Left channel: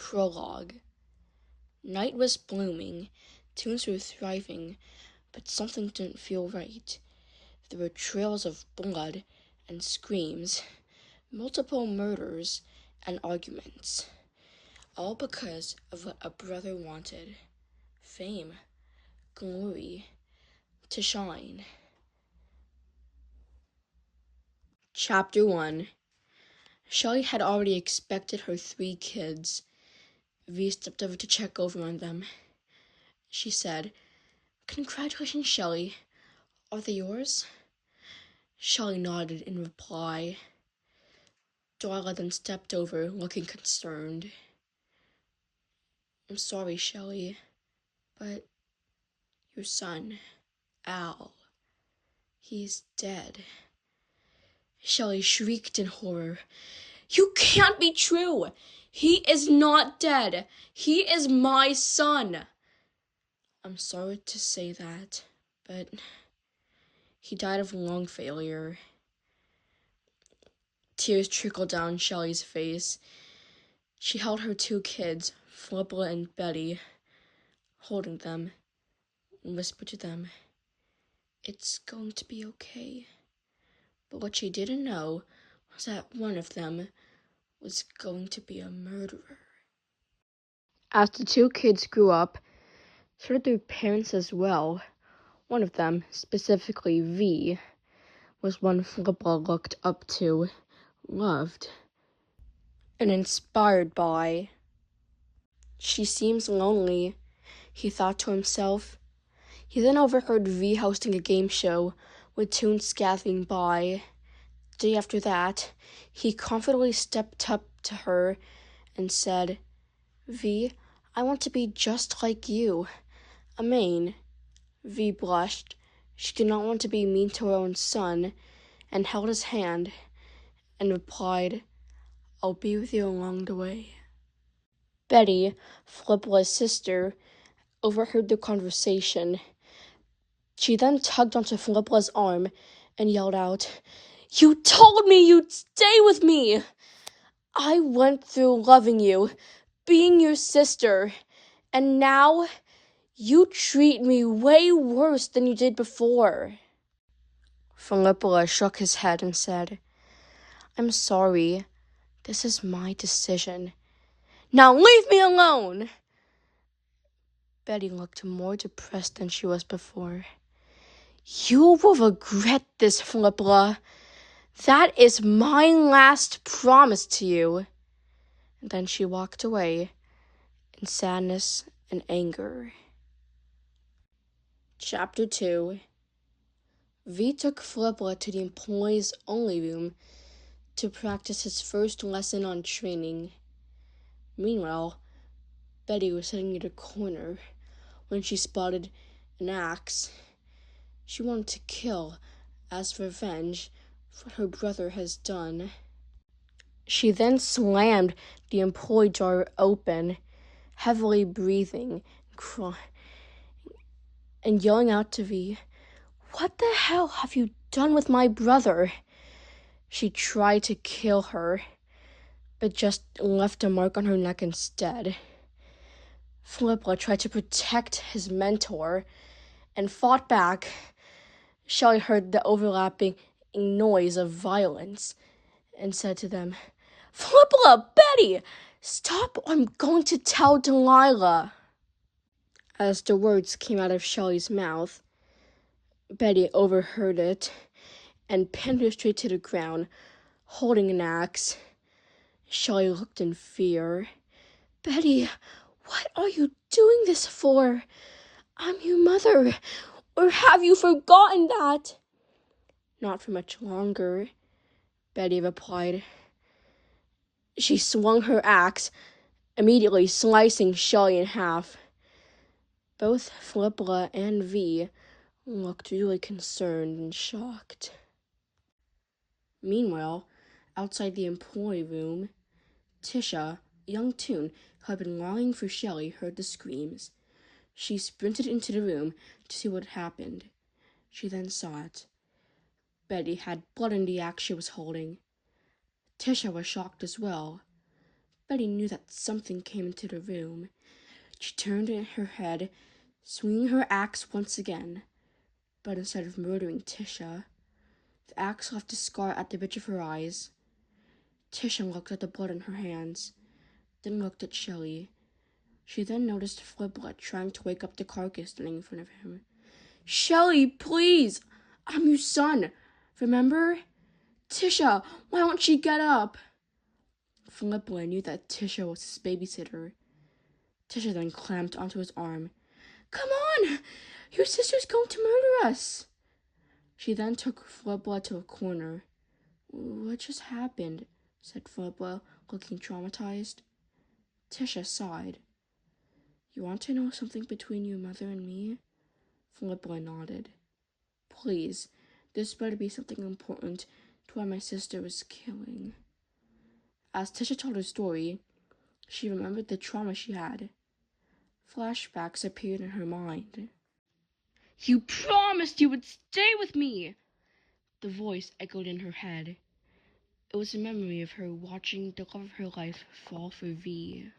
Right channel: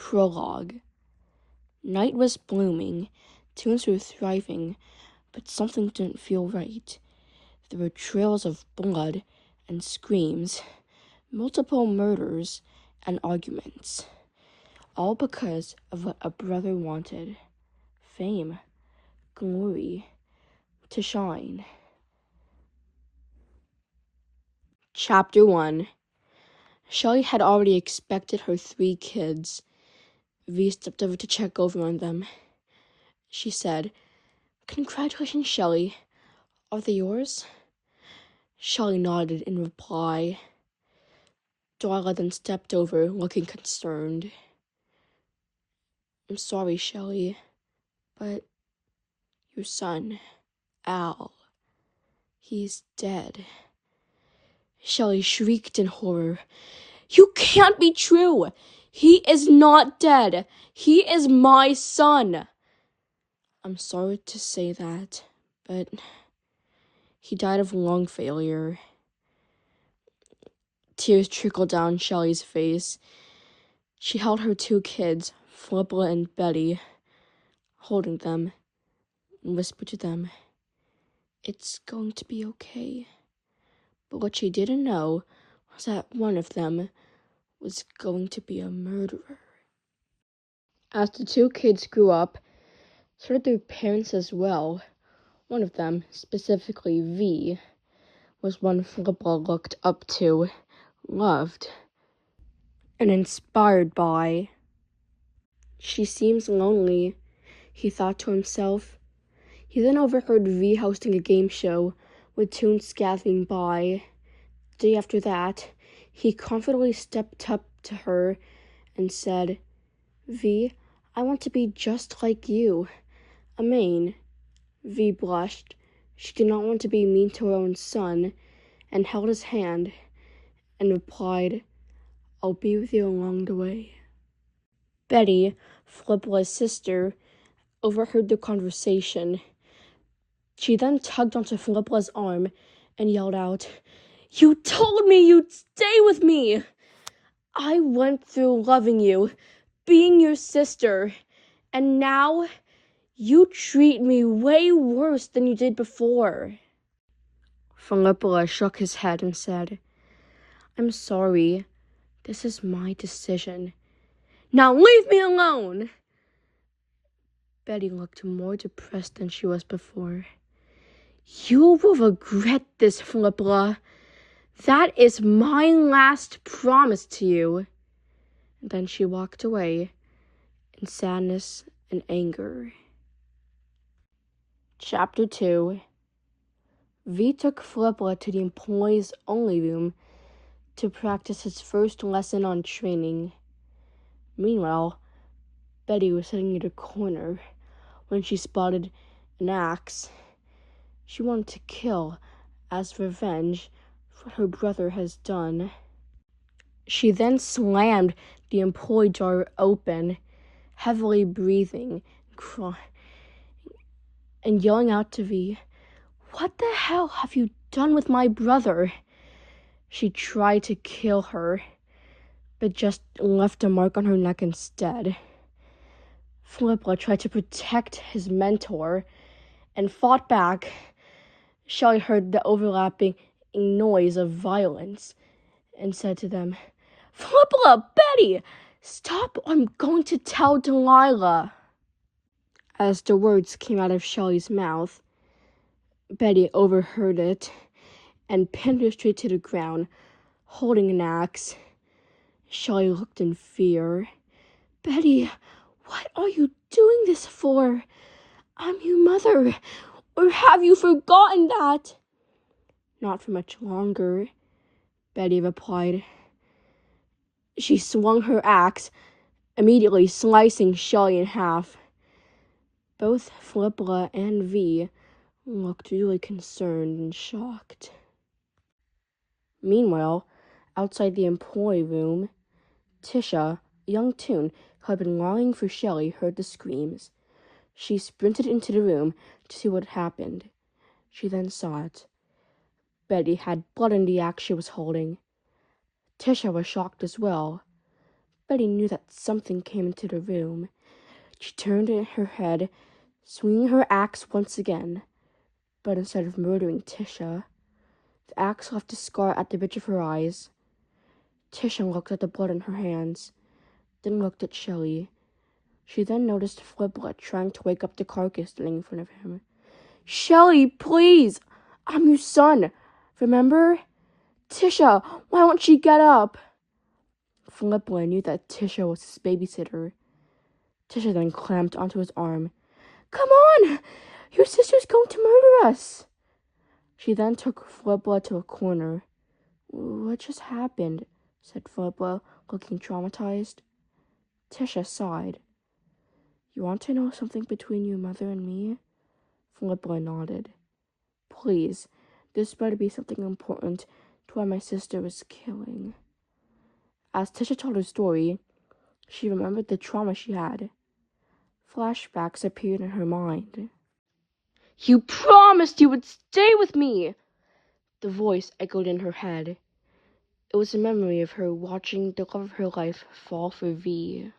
Prologue. Night was blooming, tunes were thriving, but something didn't feel right. There were trails of blood and screams, multiple murders and arguments, all because of what a brother wanted: fame, glory, to shine. Chapter 1. Shelley had already expected her 3 kids. V stepped over to check over on them. She said, "Congratulations, Shelley. Are they yours?" Shelley nodded in reply. Darla then stepped over, looking concerned. "I'm sorry, Shelley, but your son, Al, he's dead." Shelley shrieked in horror. "You can't be true! He is not dead! He is my son!" "I'm sorry to say that, but he died of lung failure." Tears trickled down Shelley's face. She held her 2 kids, Philippa and Betty, holding them, and whispered to them, "It's going to be okay." But what she didn't know was that one of them was going to be a murderer. As the 2 kids grew up, so did their parents as well. One of them, specifically V, was one Philippa looked up to, loved, and inspired by. "She seems lonely," he thought to himself. He then overheard V hosting a game show, with tunes scattering by. The day after that, he confidently stepped up to her and said, "V, I want to be just like you. Amen." V blushed. She did not want to be mean to her own son, and held his hand, and replied, "I'll be with you along the way." Betty, Philippa's sister, overheard the conversation. She then tugged onto Philippa's arm and yelled out, "You told me you'd stay with me! I went through loving you, being your sister, and now you treat me way worse than you did before." Philippa shook his head and said, "I'm sorry. This is my decision. Now leave me alone!" Betty looked more depressed than she was before. "You will regret this, Philippa. That is my last promise to you." And then she walked away in sadness and anger. Chapter 2. V took Philippa to the employees' only room to practice his first lesson on training. Meanwhile, Betty was sitting in a corner when she spotted an axe. She wanted to kill as revenge for what her brother has done. She then slammed the employee door open, heavily breathing, crying, and yelling out to V, "What the hell have you done with my brother?" She tried to kill her, but just left a mark on her neck instead. Philippa tried to protect his mentor and fought back. Shelley heard the overlapping noise of violence and said to them, "Philippa, Betty, stop or I'm going to tell Delilah." As the words came out of Shelley's mouth, Betty overheard it and pinned her straight to the ground, holding an axe. Shelley looked in fear. "Betty, what are you doing this for? I'm your mother. Or have you forgotten that?" "Not for much longer," Betty replied. She swung her axe, immediately slicing Shelley in half. Both Philippa and V looked really concerned and shocked. Meanwhile, outside the employee room, Tisha, a young toon who had been longing for Shelley, heard the screams. She sprinted into the room to see what had happened. She then saw it. Betty had blood in the axe she was holding. Tisha was shocked as well. Betty knew that something came into the room. She turned her head, swinging her axe once again. But instead of murdering Tisha, the axe left a scar at the ridge of her eyes. Tisha looked at the blood in her hands, then looked at Shelley. She then noticed Fliplet trying to wake up the carcass standing in front of him. "Shelley, please! I'm your son, remember? Tisha, why won't she get up?" Fliplet knew that Tisha was his babysitter. Tisha then clamped onto his arm. "Come on! Your sister's going to murder us!" She then took Fliplet to a corner. "What just happened?" said Fliplet, looking traumatized. Tisha sighed. "You want to know something between your mother and me?" Fliplet nodded. "Please, this better be something important to why my sister was killing." As Tisha told her story, she remembered the trauma she had. Flashbacks appeared in her mind. "You promised you would stay with me!" The voice echoed in her head. It was a memory of her watching the love of her life fall for V.